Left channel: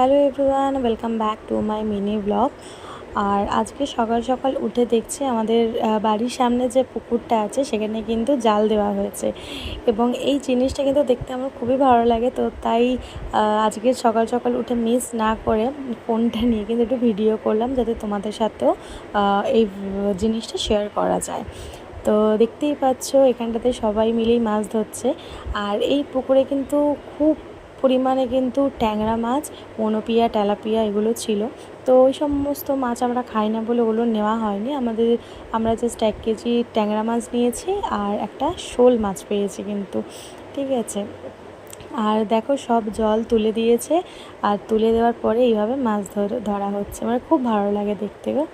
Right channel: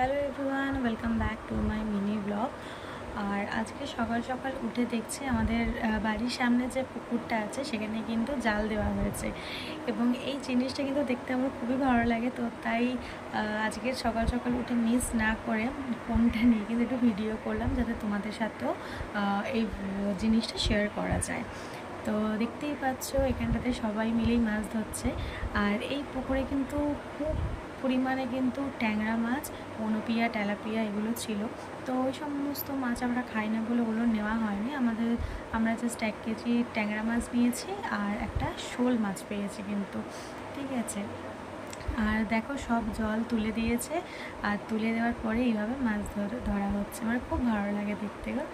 Hello everyone, welcome back to my mini blog. আর আজকে সকাল সকাল উঠে দেখছি আমাদের বাড়ির সামনে যে পুকুরটা আছে সেখানে কিন্তু জাল দেওয়া হয়েছে, এবং এই জিনিসটা কিন্তু দেখতে আমার খুবই ভালো লাগে। তো তাই আজকে সকাল সকাল উঠে মিস না করে ফোনটা নিয়ে কিন্তু একটু ভিডিও করলাম, যাতে তোমাদের সাথেও এই জিনিসটা শেয়ার করা যায়। তো দেখতেই পাচ্ছ এখানটাতে সবাই মিলেই মাছ ধরছে। আর এই পুকুরে কিন্তু খুব পরিমাণে কিন্তু ট্যাংরা মাছ, মনোপিয়া, তেলাপিয়া এগুলো ছিল। তো ওই সমস্ত মাছ আমরা খাই না বলে ওগুলো নেওয়া হয়নি। আমরা জাস্ট 1 কেজি ট্যাংরা মাছ নিয়েছি আর একটা শোল মাছ পেয়েছি কিন্তু, ঠিক আছে। আর দেখো সব জল তুলে দিয়েছে, আর তুলে দেওয়ার পরে এইভাবে মাছ ধরা হচ্ছে। আমার খুব ভালো লাগে দেখতে গো।